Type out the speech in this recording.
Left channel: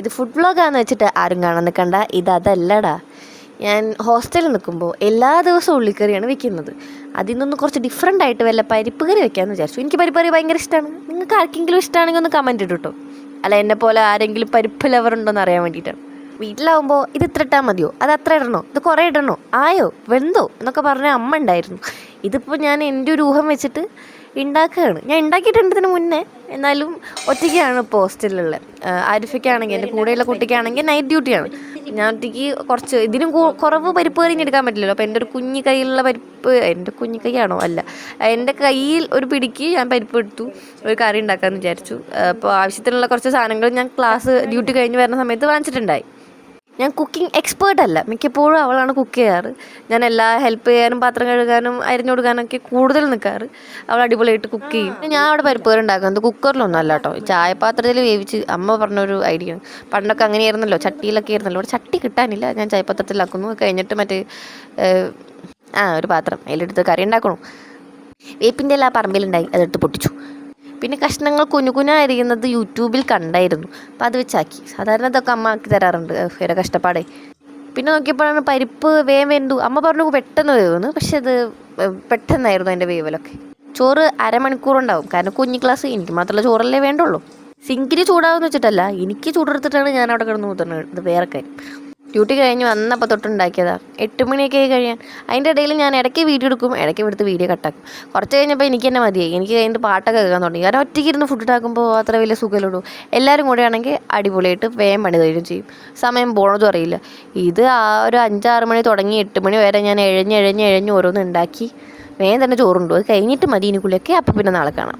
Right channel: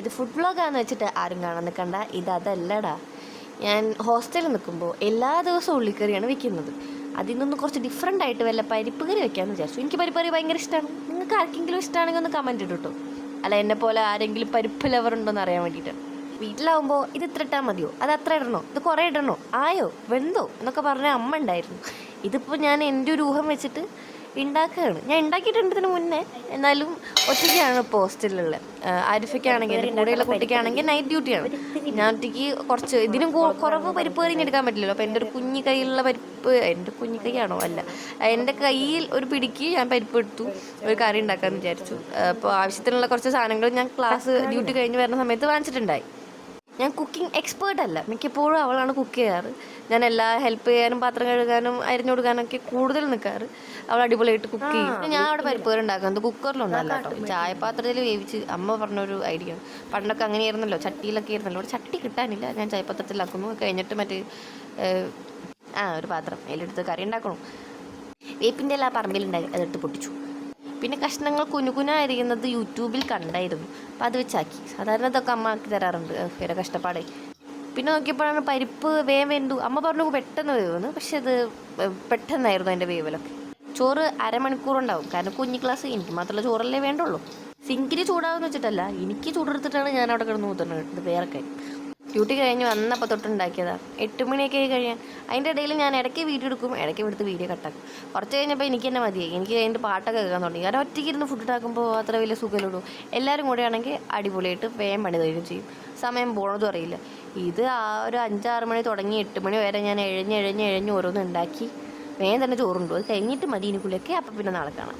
ഇത് ഫുഡ് വ്ളോഗാന്ന് വെച്ചിട്ട് ആരും കാണാൻ നിൽക്കണ്ട. അതല്ലടാ. ഞാൻ ഹോസ്റ്റലിൽ നിൽക്കുമ്പോൾ എല്ലാ ദിവസവും ഉള്ളിക്കറിയാണ് വെക്കുന്നത്. അതിൽ നിന്ന് കുറച്ച് ഡിഫറെൻ്റ് ആയിട്ട് വല്ല പരിപ്പ് കറി വെക്കാമെന്ന് വിചാരിച്ചു. എനിക്ക് പരിപ്പ് കറി ഭയങ്കര ഇഷ്ടമാണ്. നിങ്ങൾക്ക് ആർക്കെങ്കിലും ഇഷ്ടമാണെങ്കിൽ ഒന്ന് കമൻറ്റ് ഇട്ടു കേട്ടോ. അല്ല, എന്നെ പോലെ ആരെങ്കിലും പരിപ്പ് ലവറുണ്ടോയെന്ന് അറിയാൻ വേണ്ടിയിട്ടാണ്. വീട്ടിലാവുമ്പോൾ ഇത് ഇത്ര ഇട്ടാൽ മതിയോ, അത് അത്ര ഇടണോ, ഇത് കുറേ ഇടണോ, ആയോ, വെന്തോ എന്നൊക്കെ പറഞ്ഞ അമ്മ ഉണ്ടായിരുന്നു. ഇതിപ്പോൾ ഞാൻ എൻ്റെ ഒരു ഊഹം വെച്ചിട്ട് ഉണ്ടാക്കുകയാണ്. ഞാൻ ഉണ്ടാക്കിയിട്ടുണ്ട് ഇതിന് മുന്നേ. എന്നാലും ഒറ്റയ്ക്കാണ് ഇപ്പോൾ ഹോസ്റ്റലിലുള്ളത്. ആരിഫയ്ക്കാണെങ്കിൽ എൻ്റെ കൂടെയുള്ള കുട്ടിക്കാണെങ്കിൽ നൈറ്റ് ഡ്യൂട്ടിയാണ്. ഞാൻ ഒറ്റയ്ക്ക് കുറച്ച് ഇതിനും കുറവ് പരിപ്പ് കറി എടുക്കാൻ പറ്റില്ലല്ലോ. അപ്പോൾ എൻ്റെ ഒരു കുഞ്ഞു കയ്യിലുള്ള പരിപ്പ്, എൻ്റെ കുഞ്ഞു കൈയാണോ അല്ല, എൻ്റെ കയ്യിൽ ഒരു പിടിക്ക് ഞാൻ പരിപ്പ് എടുത്തു, ഒരു കറി ഉണ്ടാക്കാമെന്ന് വിചാരിച്ചു. അപ്പോൾ ആവശ്യത്തിനുള്ള കുറച്ച് സാധനങ്ങൾ ഞാൻ ക്ലാസ് ഡ്യൂട്ടി കഴിഞ്ഞ് വരുന്ന സമയത്ത് വാങ്ങിച്ചിട്ടുണ്ടായി. ഞാൻ കുക്കിംഗ് എക്സ്പേർട്ട് അല്ല, മിക്കപ്പോഴും അവളാണ് കുക്ക് ചെയ്യാറ്. ഞാൻ എല്ലാ ഹെൽപ്പ് ചെയ്യാനും പാത്രം കഴുകാനും അരിഞ്ഞു കൊടുക്കാനൊക്കെ കൂടുതൽ നിൽക്കാറ്. അവൾ അടിപൊളിയായിട്ട് കുക്ക് ചെയ്യും. ഞാൻ അവിടെ പരിപ്പ് കറി ഉണ്ടാക്കുന്നത് കുക്കറിലൊന്നും അല്ല കേട്ടോ, ചായപാത്രത്തിൽ വേവിച്ച്. അമ്മ പറഞ്ഞൊരു ഐഡിയ. പണ്ടൊക്കെ അങ്ങനെയായിരുന്നല്ലോ, ചട്ടിയിലൊക്കെ ആയിരുന്നല്ലോ. ഇവിടെ ചട്ടി കിട്ടാനില്ല. ഞാൻ ചായപാത്രത്തിലാക്കുന്നു. കഴിഞ്ഞിട്ട് മറ്റേ ഒരു പാത്രം അതിലെടുത്ത് കറി ഉണ്ടാക്കണം. വേപ്പിൻ്റെ എല്ലാ പറമ്പിലുണ്ടായി, അതെടുത്ത് പൊട്ടിച്ചു. പിന്നെ കഷ്ണങ്ങൾ കുനുകുനായിരിക്കുന്നത് യൂട്യൂബിൽ കണ്ടായിരുന്നു. അപ്പോൾ അത് വെച്ചാക്കി. സാധാരണ ഇതൊക്കെ അമ്മ ആക്കി തരാറുണ്ട്, വേറെ കഷ്ടപ്പാടേ. പിന്നെ നോക്കിയപ്പോഴാണ് പരിപ്പ് വേവ് വെന്തു. അമ്മ പറഞ്ഞു പെട്ടെന്ന് വേവുന്നു, പക്ഷെ അത് പെട്ടെന്നായിരുന്നു അതിൻ്റെ വേവലൊക്കെ. ചോറ് അരമണിക്കൂറുണ്ടാവും. കാരണം കുഞ്ഞു ക്ലാസ്, എനിക്ക് മാത്രമല്ല ചോറല്ലേ വേണ്ടുള്ളൂ. സിങ്കിന് ചൂടാവുമെന്ന് വെച്ചിട്ടല്ല, എനിക്ക് ചൂടെടുത്തിട്ടാണ് ഞാൻ അവിടെ കിടന്ന് ഊതുന്നത്. ഇത് വേറെ കാര്യം. ഡ്യൂട്ടി കഴിഞ്ഞ് വന്നപ്പോൾ തൊട്ടുണ്ടാക്കിയതാണ്. 8 മണിയൊക്കെ ആയി കഴിയാൻ. അതിൻ്റെ ഇടയിൽ ഞാൻ ഇടയ്ക്ക് വീഡിയോ എടുക്കും, ഇടയ്ക്ക് ഇവിടുത്തെ വീഡിയോ കട്ടാക്കും. കുറച്ച് കഴിഞ്ഞപ്പോൾ എനിക്ക് തന്നെ മതിയായി. എനിക്ക് കഴിഞ്ഞിട്ട് പാട്ടൊക്കെ കേൾക്കാൻ തുടങ്ങി. കാരണം ഒറ്റയ്ക്ക് ഇരുന്ന് ഫുഡ് ഉണ്ടാക്കുമ്പോൾ അത്ര വലിയ സുഖമില്ലൂ. എല്ലാവരും കൂടെ ആണെങ്കിൽ അടിപൊളിയായിട്ട് വേഗം പണി തരും ചെയ്യും. സമയം പോണതും അറിയില്ല. ഇത് ഒരു 5-6 മണി തുടങ്ങി 8 മണി വരെ ഞാൻ എഴഞ്ഞ് ഓരോന്ന് ഉണ്ടാക്കി വേഗം തന്നെ ചോറുണ്ടു. അത് കഴിഞ്ഞിട്ട് മതി ഇനി കുളിയൊക്കെ. അപ്പം പിന്നെ നാളെ കാണാം.